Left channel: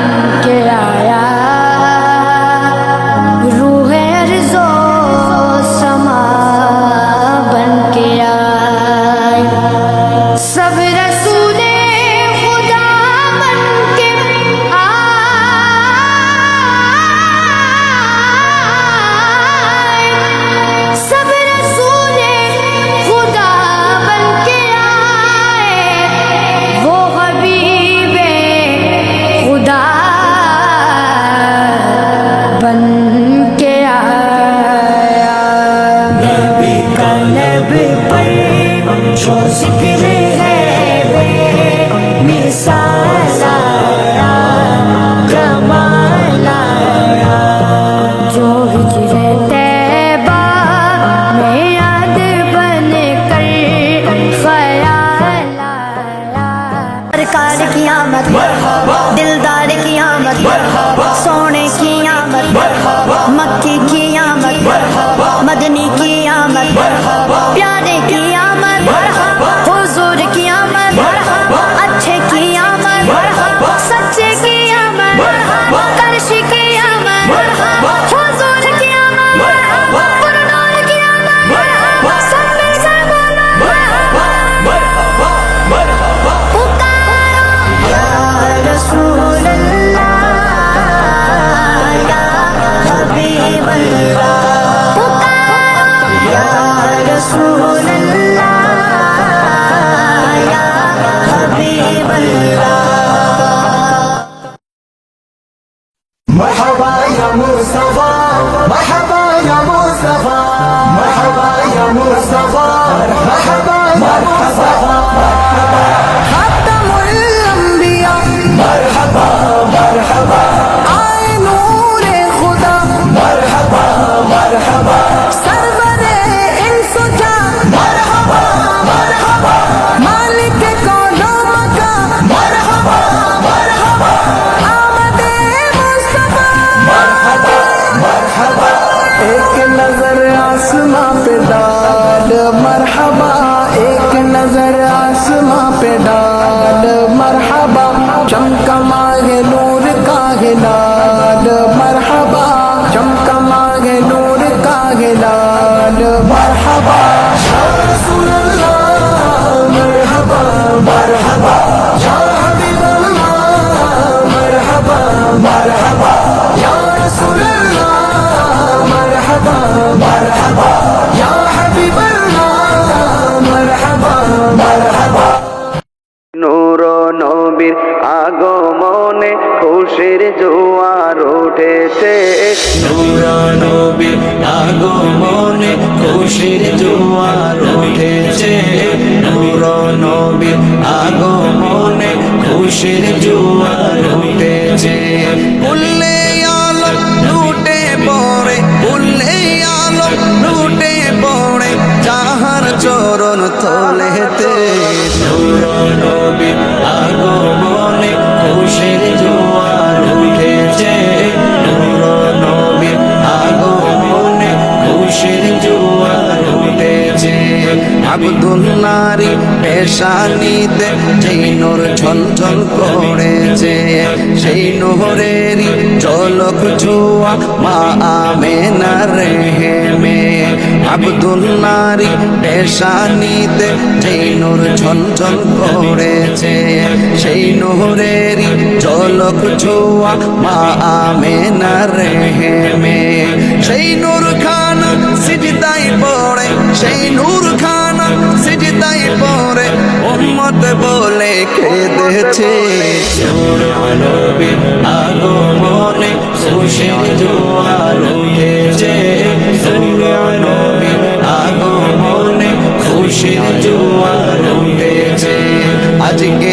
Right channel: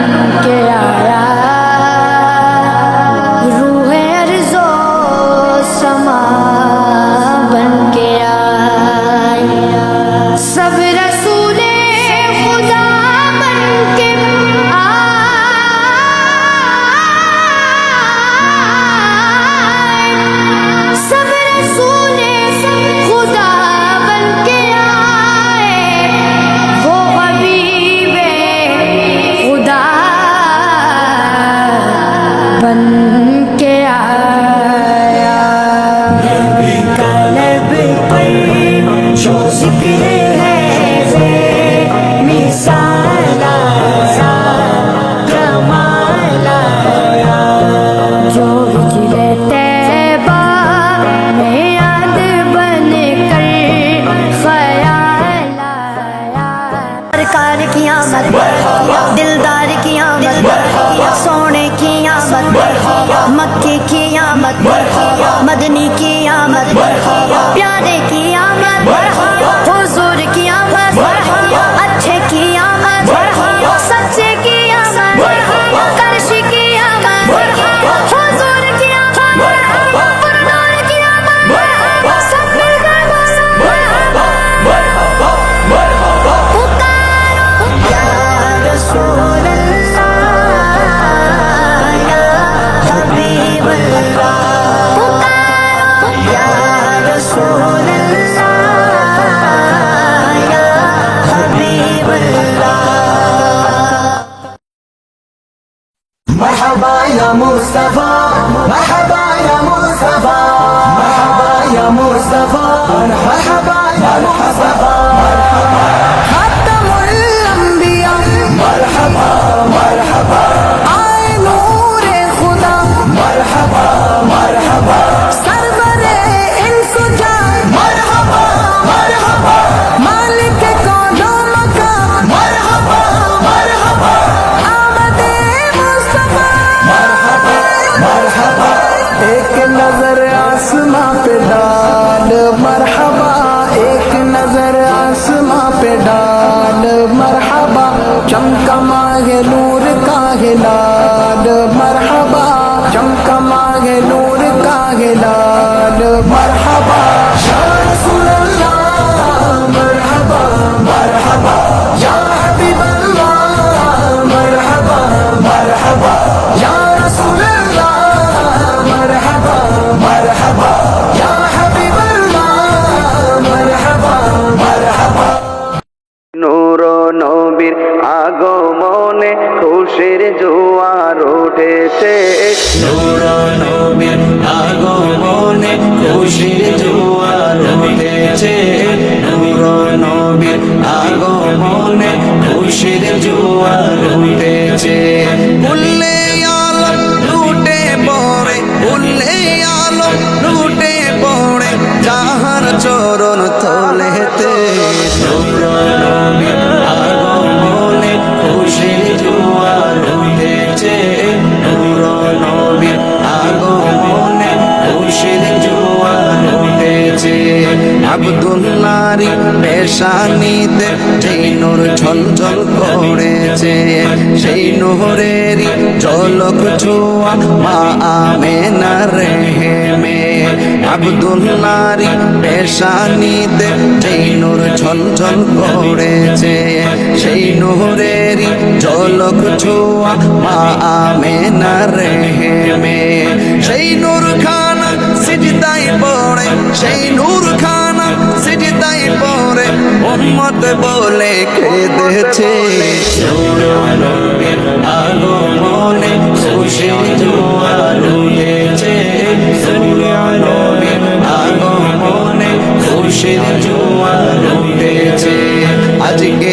one. পাই so জিকিরে سرکار کی آمد دلدار کی آمد سونے کی آمد مکی کی آمد مدنی کی آمد پیارے کی آمد مرحبا يا مصطفى مرحبا يا مصطفى مرحبا يا مصطفى مرحبا يا مصطفى. خاتم ایک نظر آسماں پہ ڈال، مرحبا، ایک نظر آسماں پہ ڈال، مرحبا چمکا ماہ نور کا ہلال مرحبا چمکا ماہ نور کا ہلال مرحبا۔ নবীর আগমনে খুশির জোয়ার উঠেছে। নূর নবীর আগমনে খুশির জোয়ার উঠেছে। নূর নবীর আগমনে খুশির জোয়ার উঠেছে। আলম লুটে পড়ে আলম লুটে পড়ে যাহার চরণ তলেতে। নূর নবীর আবদুল্লারি পেশানিতে যেই নূর ঝলঝল করেছে, সেই নহরেরই জলক ছোয়া মা আমেনা রেহেমে। আবদুল্লারি পেশানিতে যেই নূর ঝলঝল করেছে, সেই নহরেরই জলক ছোয়া মা আমেনা রেহেমে। সেই নূর খানা সিজদাই পড়ে, সেই নূর সিজদাই পরে উম্মত বলে খেদেছে। নবীর আগমনে খুশির জোয়ার উঠেছে নবীর আগমনে খুশির জোয়ার উঠেছে আজকে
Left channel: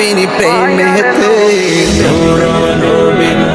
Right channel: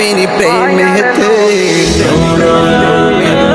নবীর প্রেমেতে নূর নবীর আগমনে খুশির